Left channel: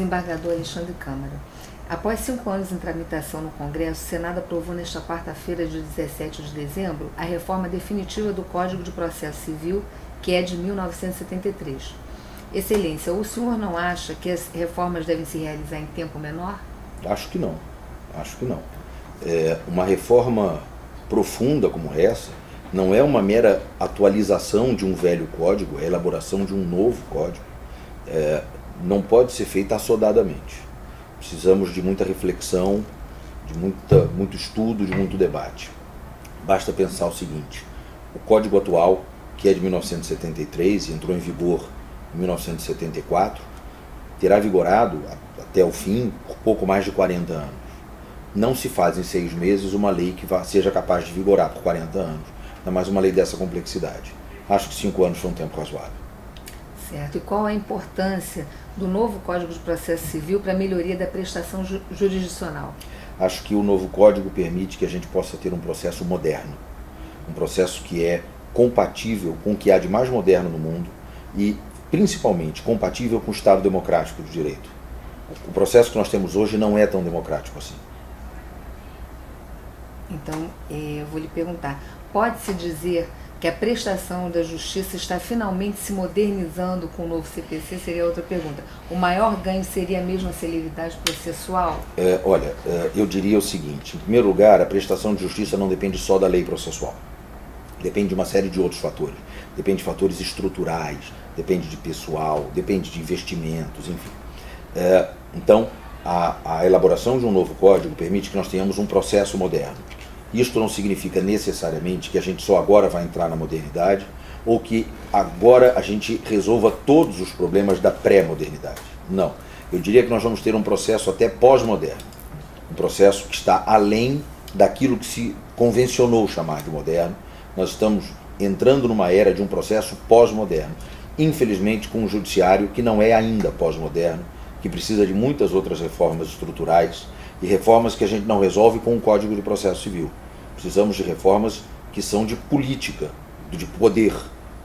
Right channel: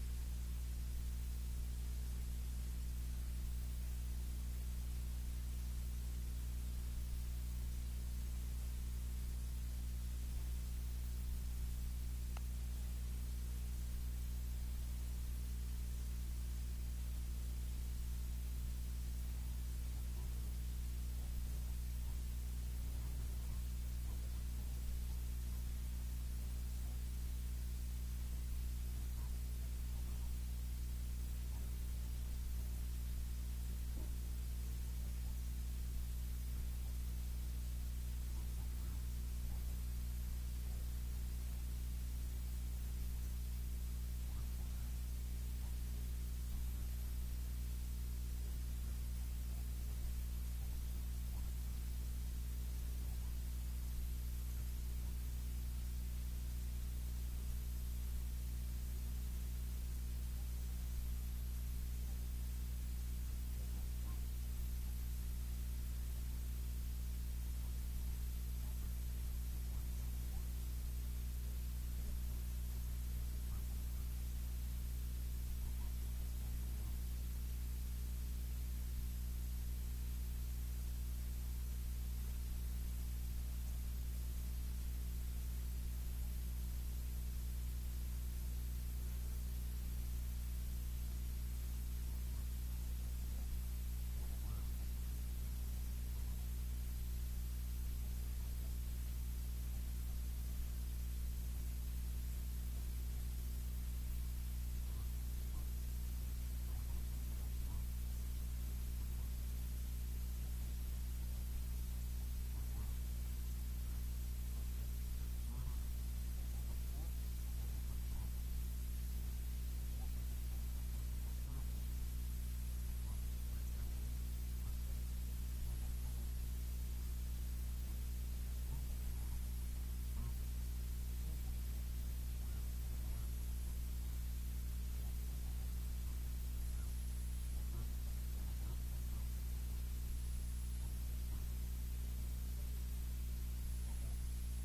desembargador Alexandre Câmara. Após 5 anos em tramitação no Congresso, o Senado aprovou nesta quarta-feira, dia 17 de dezembro, a reforma definitiva do Código de Processo Civil, que é de 1973. Excelência, o senhor não acha que as reformas devem se realizar em tempo menor? Acho que não. Uma reforma profunda como essa não é uma mera atualização de um velho código, é a elaboração de um novo código. Não pode ser feita assodadamente. Precisamos de muita reflexão, de muito estudo, de muito debate. Basta pensar o seguinte: o código atual, que é de 1973 e entrou em vigor em 1974, terá vigorado até o fim por pouco mais de 40 anos. Não se faz em 6 meses uma lei que seja capaz de vigorar por 40 anos, ainda mais uma lei dessa complexidade. Acho que 5 anos foi um tempo razoável. Certo. E qual a importância do novo Código de Processo Civil para a melhoria da prestação jurisdicional? Acho que o novo Código permite que a gente possa ter um processo moderno, um processo que é compatível com o que há de mais moderno no mundo e, principalmente, compatível com o Estado democrático de direito. O processo que nós temos hoje não é tão democrático assim. Então, eu vou lhe perguntar, pode-se dizer que a prestação da justiça está finalmente se modernizando com o novo CPC? Seria outra pergunta. O maior ganho seria mesmo a celeridade processual? Eu diria o seguinte: em primeiro lugar, a prestação de justiça não depende só da lei processual. Depende de uma série de outros fatores. Depende de fatores estruturais, depende de pessoal, depende de investimentos, enfim. Então, a elaboração de um novo código permite que nós tenhamos um processo moderno. Isto não significa necessariamente que a gente só agora vai entrar na modernidade ou que agora a gente resolva todos os problemas da pré-modernidade. Não. Eu diria que nós vamos ter um processo até pós-moderno. Um processo que está além daquilo que se convencionou chamar de moderno. Nós estamos entrando numa era de um processo pós-moderno. Infelizmente, com um judiciário que não é ainda pós-moderno, que precisa de muitas outras reformas estruturais e reformas que a gente não resolve com o Código de Processo Civil. Precisamos de reformas que são de política, de poder,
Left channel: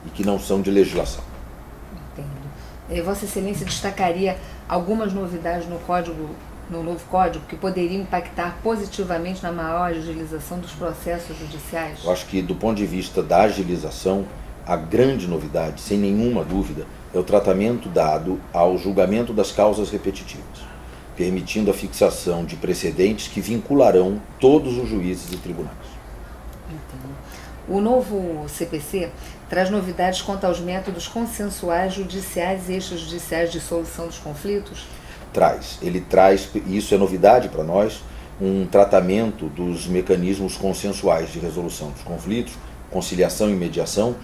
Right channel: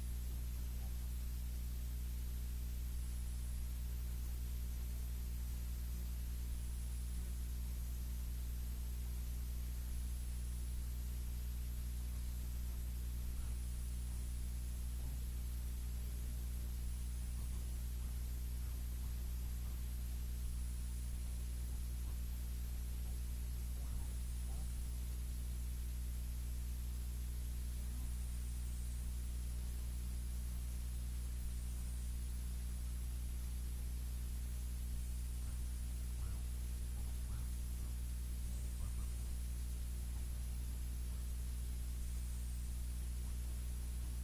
e que não são de legislação. Entendo. Vossa Excelência destacaria algumas novidades no novo Código que poderiam impactar positivamente na maior agilização dos processos judiciais? Eu acho que, do ponto de vista da agilização, a grande novidade, sem nenhuma dúvida, é o tratamento dado ao julgamento das causas repetitivas, permitindo a fixação de precedentes que vincularão todos os juízes e tribunais. Entendo. O novo CPC traz novidades quanto aos métodos consensuais judiciais e extrajudiciais de solução dos conflitos? Ele traz, e isso é novidade para nós, um tratamento dos mecanismos consensuais de resolução dos conflitos, conciliação e mediação,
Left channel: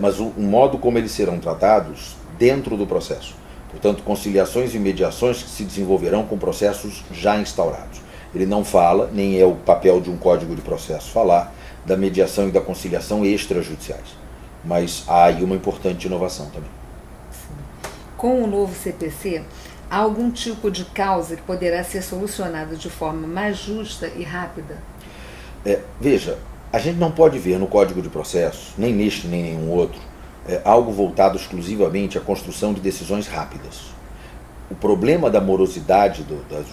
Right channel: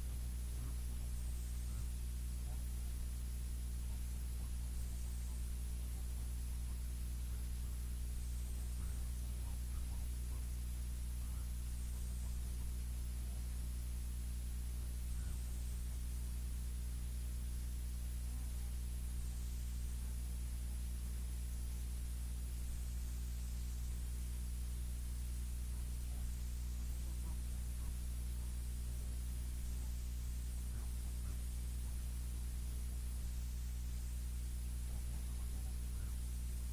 mas o modo como eles serão tratados dentro do processo. Portanto, conciliações e mediações que se desenvolverão com processos já instaurados. Ele não fala, nem é o papel de um código de processo falar, da mediação e da conciliação extrajudiciais. Mas há aí uma importante inovação também. Sim. Com o novo CPC, há algum tipo de causa que poderá ser solucionada de forma mais justa e rápida? Veja, a gente não pode ver no Código de Processo, nem neste nem nenhum outro, algo voltado exclusivamente à construção de decisões rápidas. O problema da morosidade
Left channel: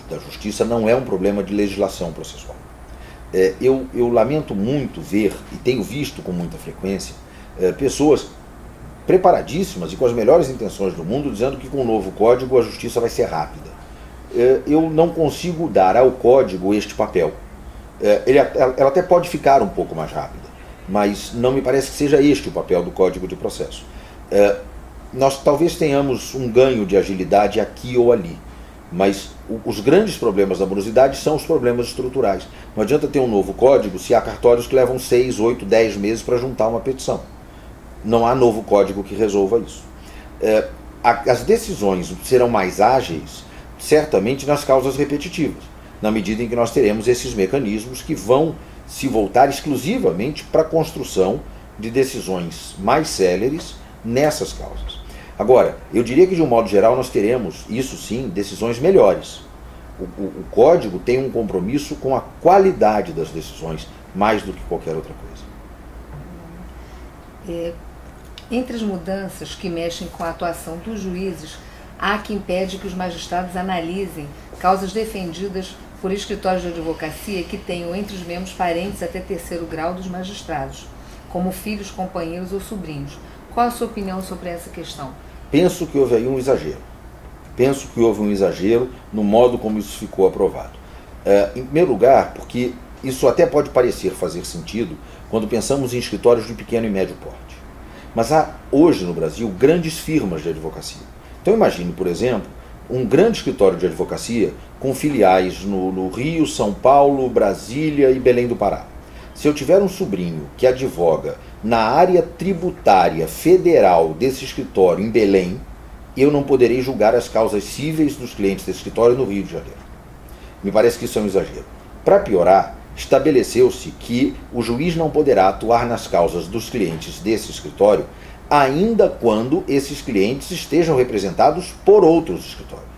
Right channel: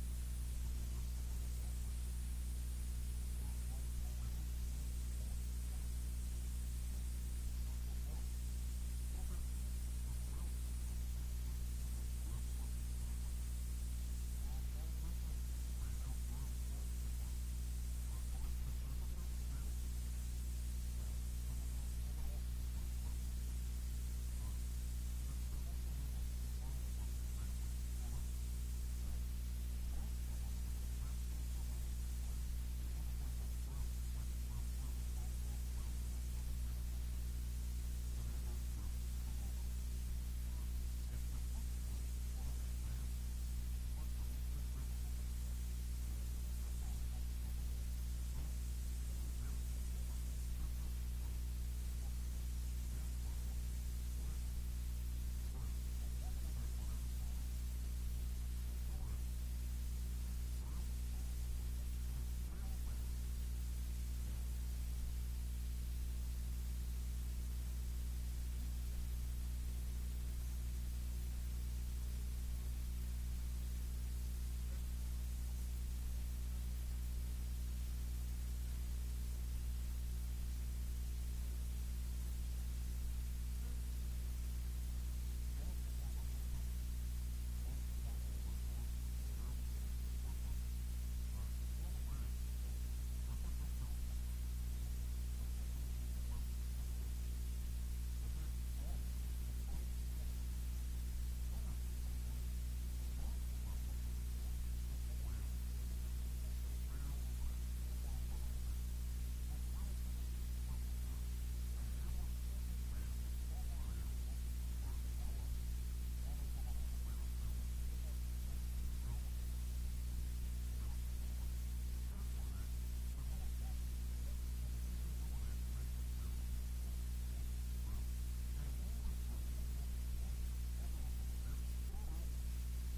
da justiça não é um problema de legislação processual. Eu lamento muito ver, e tenho visto com muita frequência, pessoas preparadíssimas e com as melhores intenções do mundo dizendo que com o novo código a justiça vai ser rápida. Eu não consigo dar ao código este papel. Ela até pode ficar um pouco mais rápida, mas não me parece que seja este o papel do Código de Processo. Nós talvez tenhamos um ganho de agilidade aqui ou ali, mas os grandes problemas da morosidade são os problemas estruturais. Não adianta ter um novo código se há cartórios que levam 6, 8, 10 meses para juntar uma petição. Não há novo código que resolva isso. As decisões serão mais ágeis, certamente, nas causas repetitivas, na medida em que nós teremos esses mecanismos que vão se voltar exclusivamente para a construção de decisões mais céleres nessas causas. Agora, eu diria que de um modo geral nós teremos, isso sim, decisões melhores. O código tem um compromisso com a qualidade das decisões, mais do que qualquer outra coisa. Entre as mudanças que mexem com a atuação dos juízes, há que impede que os magistrados analisem causas defendidas por escritórios de advocacia que tenham entre os membros parentes até terceiro grau dos magistrados, como filhos, companheiros ou sobrinhos. Qual a sua opinião sobre essa questão? Penso que houve aí um exagero. Penso que houve um exagero no modo como isso ficou aprovado. Em primeiro lugar, porque isso até pode parecer fazer sentido quando pensamos em escritórios de pequeno e médio porte. Mas há hoje no Brasil grandes firmas de advocacia. Então imagine, por exemplo, um grande escritório de advocacia com filiais no Rio, São Paulo, Brasília e Belém do Pará. Se eu tiver um sobrinho que advoga na área tributária federal desse escritório em Belém, eu não poderei julgar as causas cíveis dos clientes desse escritório no Rio de Janeiro. Me parece que isso é um exagero. Para piorar, estabeleceu-se que o juiz não poderá atuar nas causas dos clientes desse escritório ainda quando esses clientes estejam representados por outros escritórios.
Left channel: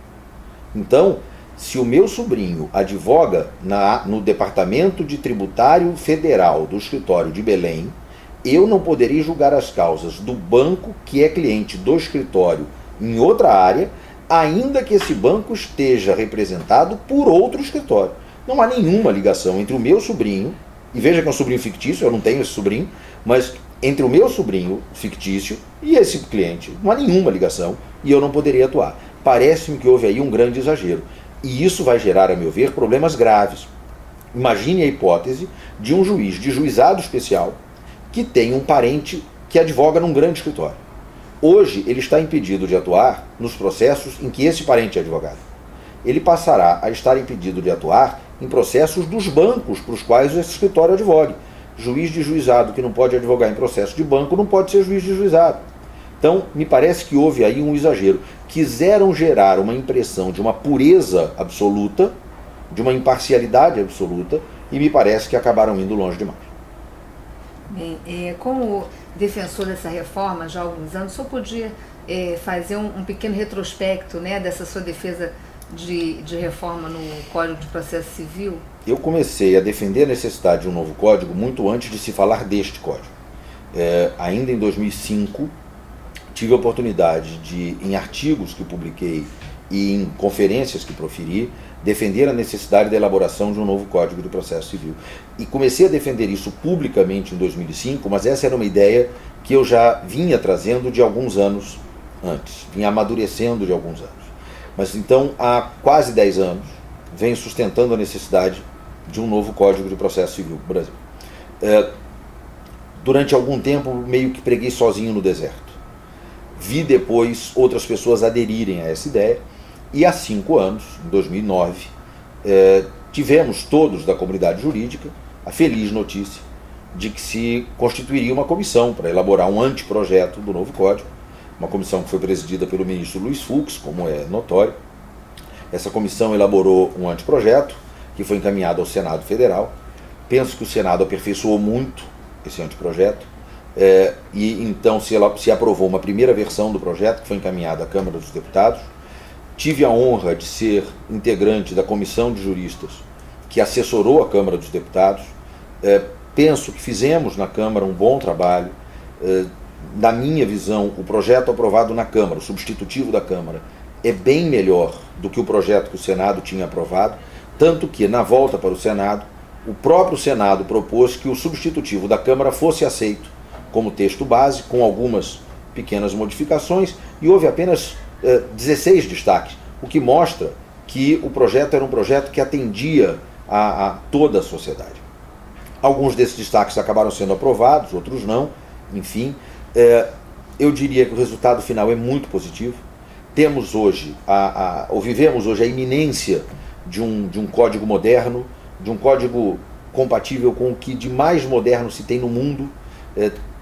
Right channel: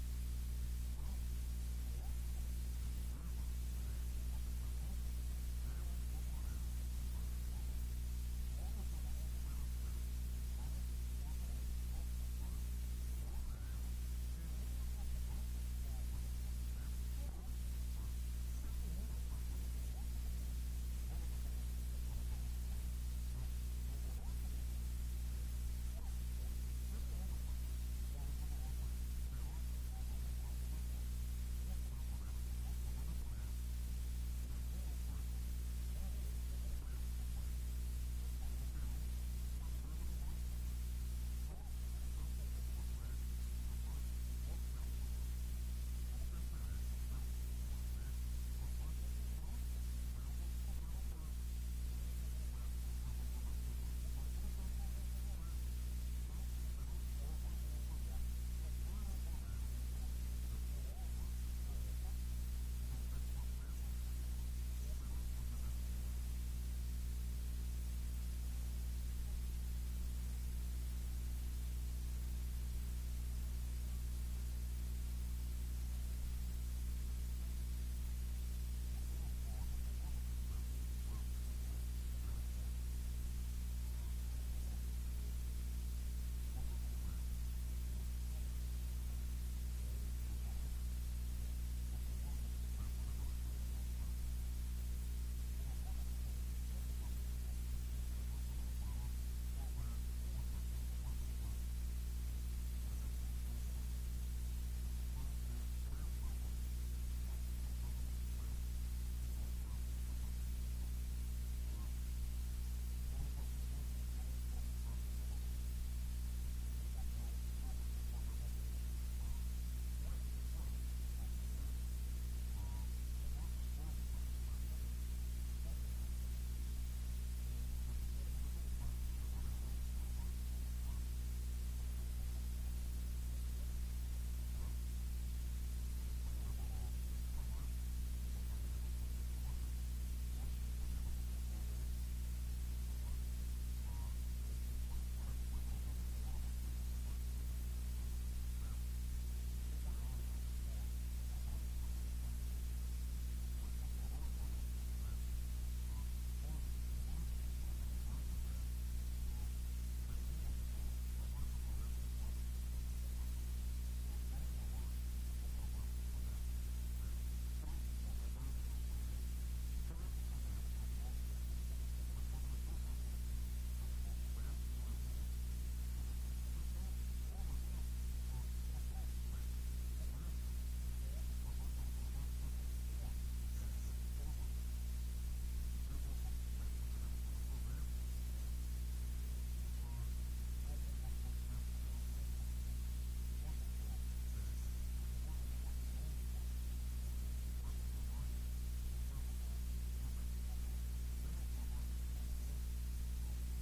Então, se o meu sobrinho advoga no Departamento de Tributário Federal do escritório de Belém, eu não poderei julgar as causas do banco que é cliente do escritório em outra área, ainda que esse banco esteja representado por outro escritório. Não há nenhuma ligação entre o meu sobrinho, e veja que é um sobrinho fictício, eu não tenho esse sobrinho, mas entre o meu sobrinho fictício e esse cliente, não há nenhuma ligação e eu não poderia atuar. Parece-me que houve aí um grande exagero. E isso vai gerar, a meu ver, problemas graves. Imagine a hipótese de um juiz de juizado especial que tem um parente que advoga num grande escritório. Hoje, ele está impedido de atuar nos processos em que esse parente é advogado. Ele passará a estar impedido de atuar em processos dos bancos para os quais esse escritório advogue. Juiz de juizado que não pode advogar em processo de banco não pode ser juiz de juizado. Então, me parece que houve aí um exagero. Quiseram gerar uma impressão de uma pureza absoluta, de uma imparcialidade absoluta, e me parece que acabaram indo longe demais. Bem, como defensor dessa reforma já há alguns anos, só podia fazer um pequeno retrospecto, né, dessa sua defesa de reforma no Código de Processo Civil? Eu comecei a defender a necessidade de um novo código muito antes de se falar deste código. Ainda em 2005, tive a oportunidade de, em artigos que publiquei e em conferências que proferi, defender a necessidade da elaboração de um novo Código de Processo Civil. E comecei a defender isso publicamente em 2005, mas essa era uma ideia que eu já vinha trazendo de alguns anos antes, vinha amadurecendo de alguns anos. Mas então, há quase 10 anos, venho sustentando a necessidade de um novo Código de Processo Civil no Brasil. Durante algum tempo, meio que preguei sozinho no deserto. Vi depois outras pessoas aderirem a essa ideia, e há 5 anos, em 2009, tivemos todos da comunidade jurídica a feliz notícia de que se constituiria uma comissão para elaborar um anteprojeto do novo Código, uma comissão que foi presidida pelo ministro Luiz Fux, como é notório. Essa comissão elaborou um anteprojeto que foi encaminhado ao Senado Federal. Penso que o Senado aperfeiçoou muito esse anteprojeto, e então se aprovou uma primeira versão do projeto que foi encaminhada à Câmara dos Deputados. Tive a honra de ser integrante da comissão de juristas que assessorou a Câmara dos Deputados. Penso que fizemos na Câmara um bom trabalho. Na minha visão, o projeto aprovado na Câmara, o substitutivo da Câmara, é bem melhor do que o projeto que o Senado tinha aprovado, tanto que, na volta para o Senado, o próprio Senado propôs que o substitutivo da Câmara fosse aceito como texto base, com algumas pequenas modificações, e houve apenas 16 destaques, o que mostra que o projeto era um projeto que atendia a toda a sociedade. Alguns desses destaques acabaram sendo aprovados, outros não, enfim. Eu diria que o resultado final é muito positivo. Temos hoje, ou vivemos hoje a iminência de um código moderno, de um código compatível com o que de mais moderno se tem no mundo.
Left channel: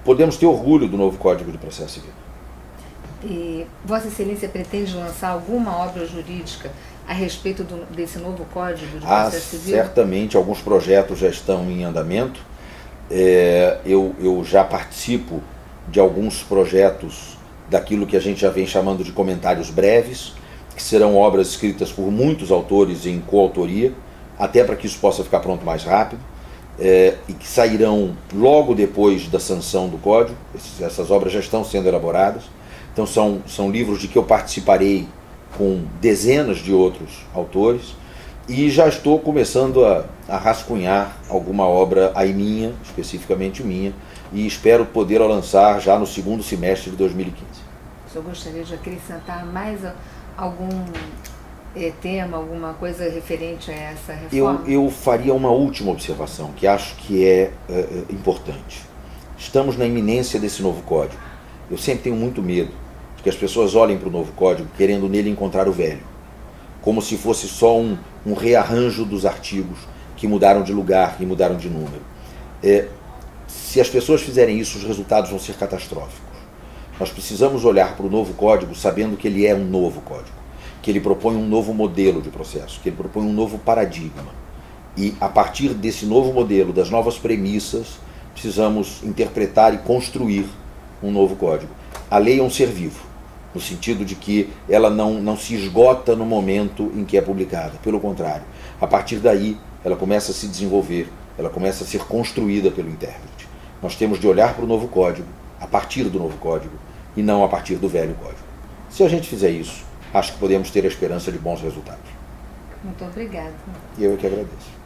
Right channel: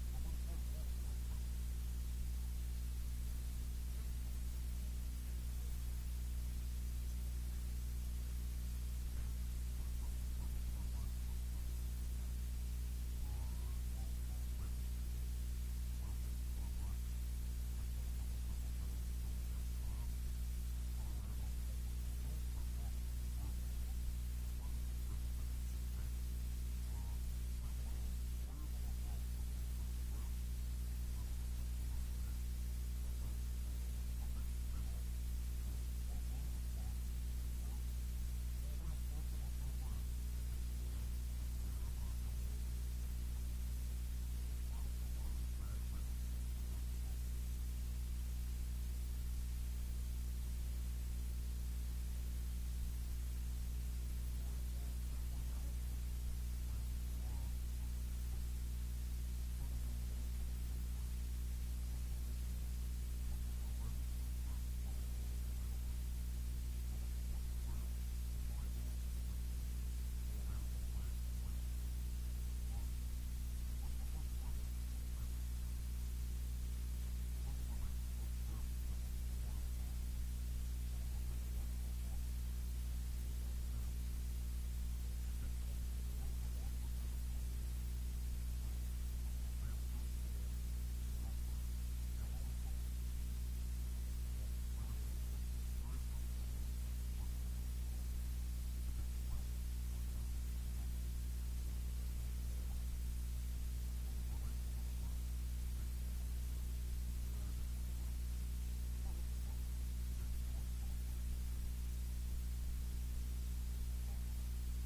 Podemos ter orgulho do novo Código de Processo Civil. E Vossa Excelência pretende lançar alguma obra jurídica a respeito desse novo Código de Processo Civil? Certamente, alguns projetos já estão em andamento. Eu já participo de alguns projetos daquilo que a gente já vem chamando de comentários breves, que serão obras escritas por muitos autores em coautoria, até para que isso possa ficar pronto mais rápido, e que sairão logo depois da sanção do Código. Essas obras já estão sendo elaboradas. Então são livros de que eu participarei com dezenas de outros autores, e já estou começando a rascunhar alguma obra aí minha, especificamente minha, e espero poder lançar já no segundo semestre de 2015. O senhor gostaria de acrescentar mais algum tema, alguma coisa referente a essa reforma? Eu faria uma última observação, que acho que é importante. Estamos na iminência desse novo código. Eu sempre tenho muito medo de que as pessoas olhem para o novo código querendo nele encontrar o velho, como se fosse só um rearranjo dos artigos que mudaram de lugar e mudaram de número. Se as pessoas fizerem isso, os resultados vão ser catastróficos. Nós precisamos olhar para o novo código sabendo que ele é um novo código, que ele propõe um novo modelo de processo, que ele propõe um novo paradigma. E, a partir desse novo modelo, das novas premissas, precisamos interpretar e construir um novo código. A lei é um ser vivo, no sentido de que ela não se esgota no momento em que é publicada. Pelo contrário, a partir daí, ela começa a se desenvolver, ela começa a ser construída pelo intérprete. Nós temos de olhar para o novo código, a partir do novo código, e não a partir do velho código. Se a gente fizer isso, acho que podemos ter a esperança de bons resultados. Muito obrigada. E eu é que agradeço.